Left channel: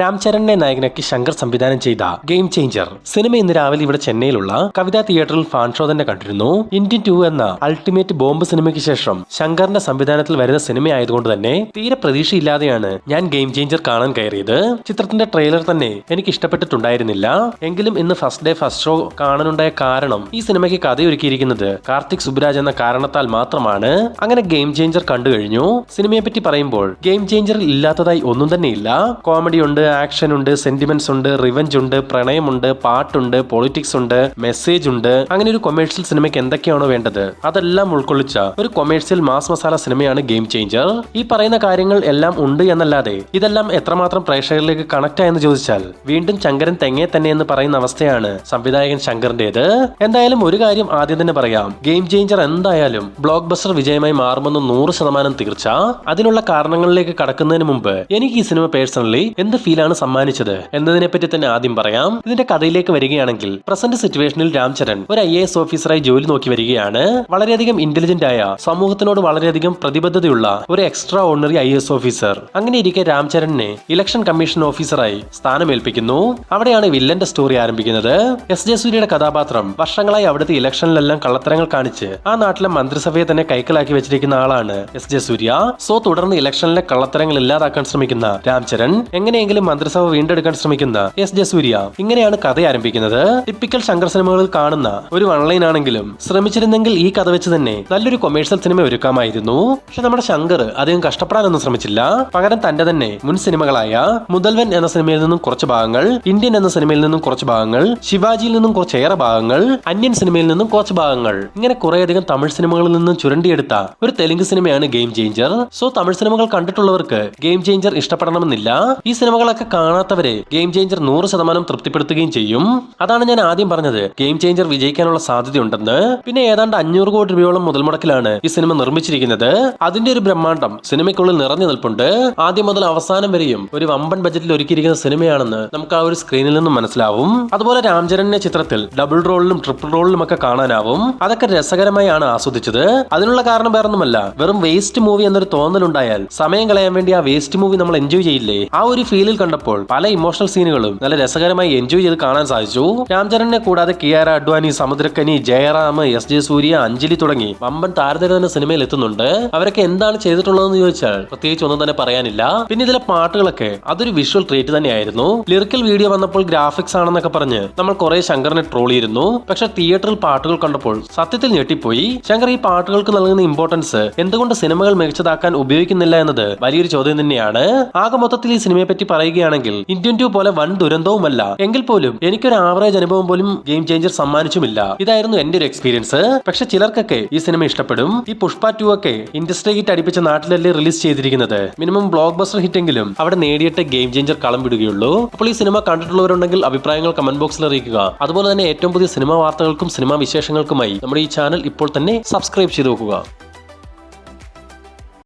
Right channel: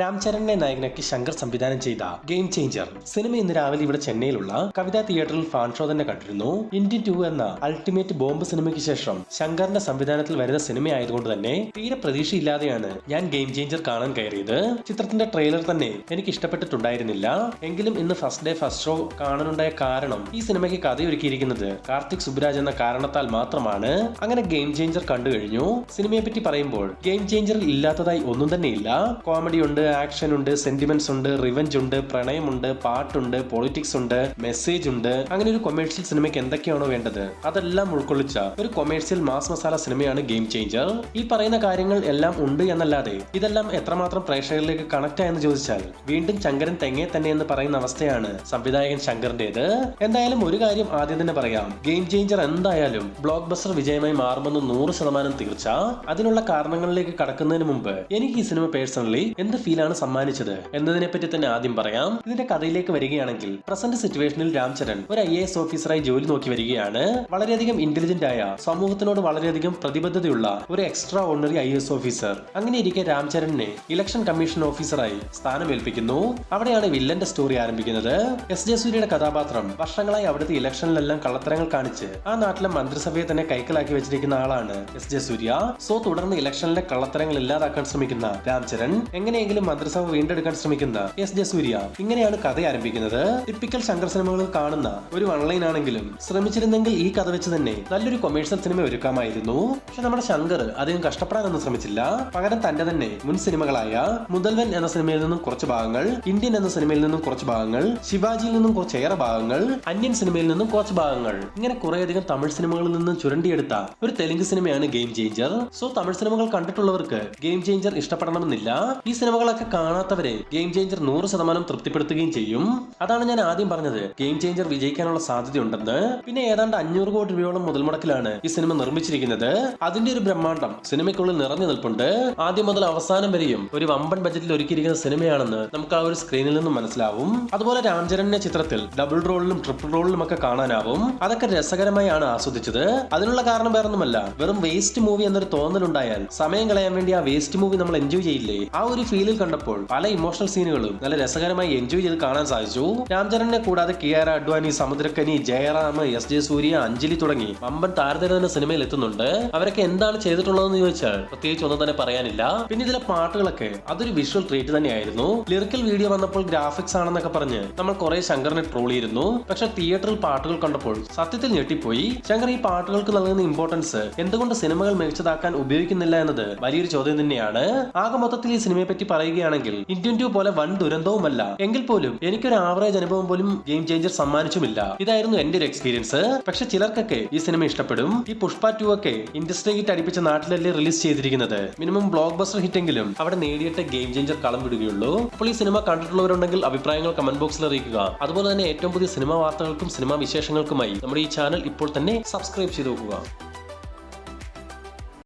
രാംചരണിനെ നായകനാക്കി ശങ്കർ സംവിധാനം ചെയ്ത ഗെയിം ചേഞ്ചർ സിനിമ ഇന്ന് രാവിലെ ഇവിടെ ചെന്നൈയിലുള്ള കവിതാ തിയേറ്ററിൽ ഫാൻ ഷോ തന്നെ കണ്ടിരുന്നു. ഇന്ത്യൻ 2 എന്ന അൾട്ടിമേറ്റ് ബോംബ് സിനിമയ്ക്ക് ശേഷം ശങ്കറിന്റെ സംവിധാനത്തിൽ വരുന്ന സിനിമ ആയതുകൊണ്ട് തന്നെ തീരെ പ്രതീക്ഷയില്ലാതെയാണ് ഞാൻ ഗെയിം ചേഞ്ചർ കാണാൻ കയറിയത്. ചിത്രത്തിന്റെ ട്രെയിലർ തന്നെ എനിക്ക് ഇഷ്ടപ്പെട്ടിട്ടുണ്ടായിരുന്നില്ല. എങ്കിലും ഇന്ന് ഫസ്റ്റ് ഡേ ഫസ്റ്റ് ഷോ കാണാനുണ്ടായ കാരണം ഈ സിനിമയ്ക്ക് കഥയൊരുക്കിയിരിക്കുന്നത് കാർത്തിക് സുബ്രാജ് എന്ന കാരണത്താൽ മാത്രമാണ്. അങ്ങനെ ഗെയിം ചേഞ്ചർ കണ്ടു കഴിഞ്ഞു. സിനിമയെ പറ്റി പറയുമ്പോൾ ഗെയിം ചേഞ്ചറിൽ ഇല്ലാത്തതായി ഒന്നും തന്നെ ഇല്ല. കോമഡി ഉണ്ട്, ആക്ഷൻ ഉണ്ട്, സെന്റിമെന്റ്സ് ഉണ്ട്, റിവഞ്ച് ഉണ്ട്, പ്രണയമുണ്ട്, പാട്ടുണ്ട്, പൊളിറ്റിക്സ് ഉണ്ട്, മെസ്സേജ് ഉണ്ട്. അങ്ങനെ ഒരു കൊമേഴ്ഷ്യൽ സിനിമയ്ക്ക് എന്തൊക്കെയാണോ വേണ്ടത് അതെല്ലാം ഉൾക്കൊള്ളിച്ച ഒരു കൊമേഴ്ഷ്യൽ മാസ് മസാല സിനിമയാണ് ഗെയിം ചേഞ്ചർ. ഈ പറയുന്ന കാര്യങ്ങൾ എല്ലാം ഉണ്ട് എന്നല്ലാതെ ഇതെല്ലാം എത്രമാത്രം പ്രേക്ഷകരിലേക്ക് കണക്ട് ആയെന്ന് ചോദിച്ചാൽ വീണ്ടും ശങ്കരൻ തെങ്ങേ തന്നെ എന്ന് പറയുന്ന അവസ്ഥയാണ് സംവിധായകൻ ശങ്കറിന്റേത്. എന്തായാലും ഒരു കാര്യം ആദ്യം തന്നെ പറയാം, ഗെയിം ചേഞ്ചർ എന്തായാലും ബ്ലോക്ക് ബസ്റ്റർ വിജയമായി മാറുമെന്ന് 100% തീർച്ച. അതിനുള്ള കാരണങ്ങളിലേക്ക് കടക്കുന്നതിന് മുമ്പ് എനിക്ക് ഈ സിനിമ പേഴ്സണലി എന്ത് ഫീലാണ് സമ്മാനിച്ചത് എന്നതിനെ പറ്റി തന്നെ ആദ്യം പറയാം. ഇതിന്റെ കഥയിലേക്ക് വരികയാണെങ്കിൽ പ്രസന്റ് സിറ്റുവേഷനിൽ രാംചരൺ ഒരു IAS ഓഫീസറായി ജോലി നോക്കി വരികയാണ്. വളരെയധികം ഇന്റലിജന്റ് ആയ, സമൂഹത്തിനോട് വളരെയധികം പ്രതിബദ്ധതയുള്ള ഒരു എക്സ്ട്രാ ഓർഡിനറി IAS ഓഫീസർ. അങ്ങനെ ഇരിക്കെ രാംചരണിനെ ഇലക്ഷൻ കമ്മീഷൻ ഓഫീസറായി സ്ഥാനമേൽപ്പിക്കുന്നു. അവിടെയാണ് വില്ലന്റെ സ്റ്റോറി ആരംഭിക്കുന്നത്. S.J. സൂര്യയുടെ കഥാപാത്രം വർഷങ്ങളായി അവിടുത്തെ ഇലക്ഷനിലെല്ലാം കള്ളത്തരങ്ങൾ കാണിച്ച് ആ നാട്ടിലെ മന്ത്രിസഭയെ തന്നെ കൈക്കലാക്കി വെച്ചിരിക്കുന്ന ആളാണ് S.J. സൂര്യ. സോ തുടർന്ന് ഇലക്ഷനിലെ കള്ളത്തരങ്ങൾ ഇല്ലാതാക്കാൻ ശ്രമിക്കുന്ന രാംചരൺ എങ്ങനെയെങ്കിലും മന്ത്രിസഭ വീണ്ടെടുക്കാൻ ശ്രമിക്കുന്ന S.J. സൂര്യ. ഇങ്ങനെയാണ് കഥ ആരംഭിക്കുന്നത്. ടിപ്പിക്കൽ ശങ്കർ സിനിമകളിൽ കാണുന്ന ഒരു വൺലൈൻ ആണെങ്കിലും ശ്രമിച്ചിരുന്നെങ്കിൽ ഈ കഥ വെച്ച് തന്നെ നല്ലൊരു കൊമേഴ്ഷ്യൽ സിനിമ ഒരുക്കാമായിരുന്നു. പക്ഷെ നമ്മുടെ ശങ്കർ അധികം കഷ്ടപ്പെടാനൊന്നും ശ്രമിച്ചില്ല. പകരം തന്റെ തന്നെ മുൻ സിനിമകളായ മുതൽവൻ എന്ന സിനിമയിൽ നിന്നും കുറച്ച് ഭാഗങ്ങൾ, ഇന്ത്യൻ എന്ന സിനിമയിൽ നിന്നും കുറച്ച് ഭാഗങ്ങൾ, ശിവാജിയിൽ നിന്നും കുറച്ചേറെ ഭാഗങ്ങൾ, അന്യൻ സിനിമയിൽ നിന്നും കുറച്ച് ഭാഗങ്ങൾ, ഇങ്ങനെ കുറേയധികം തമിഴ് സിനിമകളിൽ നിന്നും ചുരണ്ടിയെടുത്ത ഒരു തെലുങ്ക് സിനിമയാണ് ഗെയിം ചേഞ്ചർ. സോ തമിഴ് സിനിമകൾ കണ്ടിട്ടുള്ളവർക്ക് ഗെയിം ചേഞ്ചർ ഇഷ്ടപ്പെടണമെന്നില്ല. ഈ സിനിമകളൊക്കെ കാണാത്തവരെ ഗെയിം ചേഞ്ചർ 100% തൃപ്തിപ്പെടുത്തുകയും ചെയ്യും. അതാണ് ഞാൻ ആദ്യം പറഞ്ഞത്, ഗെയിം ചേഞ്ചർ വിജയിക്കാനുള്ള സാധ്യതയുണ്ടെന്ന്. പിന്നെ ഏതാണ്ട് 500 കോടി രൂപയോളം മുതൽ മുടക്കിലാണ് ഈ സിനിമ നിർമ്മിച്ചിരിക്കുന്നത്. അതിന്റെ ഒരു ബ്രഹ്മാണ്ഡം സിനിമയ്ക്കുള്ളിൽ നിറഞ്ഞു നിൽപ്പുണ്ട്. ആദ്യം മുതൽ അവസാനം വരെയും ഒരു വമ്പൻ ബജറ്റിൽ ഒരുക്കിയിരിക്കുന്ന സിനിമയാണെന്ന് നമുക്ക് ആ ഒരു സ്ക്രീനിൽ നിന്നും മനസ്സിലാവും. അതുപോലെ രാംചരണിനെ ചിത്രത്തിൽ ഡബിൾ റോളിലും ട്രിപ്പിൾ റോളിലും ഒക്കെ കാണാനാവും. അതൊക്കെ രസകരമായാണ് ആസ്വദിച്ചത്. അതിനുള്ള കാരണം വേറൊന്നുമല്ല, വെറും വേസ്റ്റ് മൂവി എന്നൊരു തോന്നലുണ്ടായാൽ സമയം കളയാൻ വേണ്ടി ആ വേസ്റ്റ് മൂവി നമ്മൾ എൻജോയ് ചെയ്യില്ലേ, ആ ഒരു ഫീലിൽ കണ്ടപ്പോൾ പല ഇമോഷണൽ സീനുകളും നല്ല രസകരമായി എൻജോയ് ചെയ്ത് കാണാൻ സാധിച്ചു. രാംചരണിനെ കൂടാതെ കിയാര അഡ്വാനി, സമുദ്രക്കനി, ജയറാം, S.J. സൂര്യ, അഞ്ജലി തുടങ്ങി വമ്പൻ താരതര തന്നെ സിനിമയിൽ എത്തുന്നുണ്ട്. അവരൊക്കെ എന്താണ് ചെയ്തിട്ടുള്ളതെന്ന് ചോദിച്ചാൽ പ്രത്യേകിച്ച് ഒന്നും തന്നെ പറയാനില്ല. പിന്നെ ഇതിലെ പാട്ടുകളൊക്കെ അതൊരു വിഷ്വൽ ട്രീറ്റ് തന്നെയായിരുന്നു. ലിറിക്കൽ വീഡിയോ വന്നപ്പോൾ ഗ്രാഫിക്സ് ആണെന്നൊക്കെ പറഞ്ഞ് നമ്മൾ കുറെ ശങ്കറിനെ ട്രോൾ ചെയ്തിരുന്നു. പക്ഷെ തിയേറ്ററിൽ പാട്ടുകൾ കണ്ടപ്പോൾ സത്യത്തിൽ ഞെട്ടിപ്പോയി. ശങ്കർ ഈ പാട്ടുകൾക്ക് നൽകുന്ന ഇമ്പോർട്ടൻസ് എന്തുകൊണ്ട് സിനിമകൾ മികച്ചതാക്കാൻ ഉപയോഗിക്കുന്നില്ല എന്നത് വലിയൊരു ചോദ്യം തന്നെയാണ്. ആകെ മൊത്തത്തിൽ ഈ സിനിമയെ പറ്റി പറയുകയാണെങ്കിൽ ഇന്ത്യൻ 2 പോലെ വൻ ദുരന്തവുമല്ല, എങ്കിൽ പോലും എനിക്കൊരു ആവറേജ് അനുഭവം പോലും ഗെയിം ചേഞ്ചർ സമ്മാനിച്ചുമില്ല. ഇതായിരുന്നു എന്റെ ഒരു എക്സ്പീരിയൻസ്. പക്ഷെ ചിലർക്കൊക്കെ ഈ സിനിമ ഇഷ്ടപ്പെടും. ഈ പുഷ്പ 2 ഒക്കെ ഇൻഡസ്ട്രി ഹിറ്റ് അടിപ്പിച്ച നാട്ടിലല്ലേ റിലീസ് ചെയ്തിരിക്കുന്നത്. മിനിമം ബ്ലോക്ക് ബസ്റ്റർ ഹിറ്റ് എങ്കിലും അവിടെ നേടിയിട്ട് ഗെയിം ചേഞ്ചർ കളം വിടുകയുള്ളൂ. അപ്പോൾ ഈ സിനിമ കണ്ടിട്ടുള്ളവരുണ്ടെങ്കിൽ അഭിപ്രായങ്ങൾ കമന്റ് ബോക്സിൽ അറിയിക്കുക. അതുപോലെ തന്നെ ഏറ്റവും പുതിയ സിനിമാ വാർത്തകൾക്കും സിനിമാ വിശേഷങ്ങൾക്കുമായി നമ്മുടെ ഈ ചാനൽ ഇപ്പോൾ തന്നെ സബ്സ്ക്രൈബ് ചെയ്ത് നോക്കുക.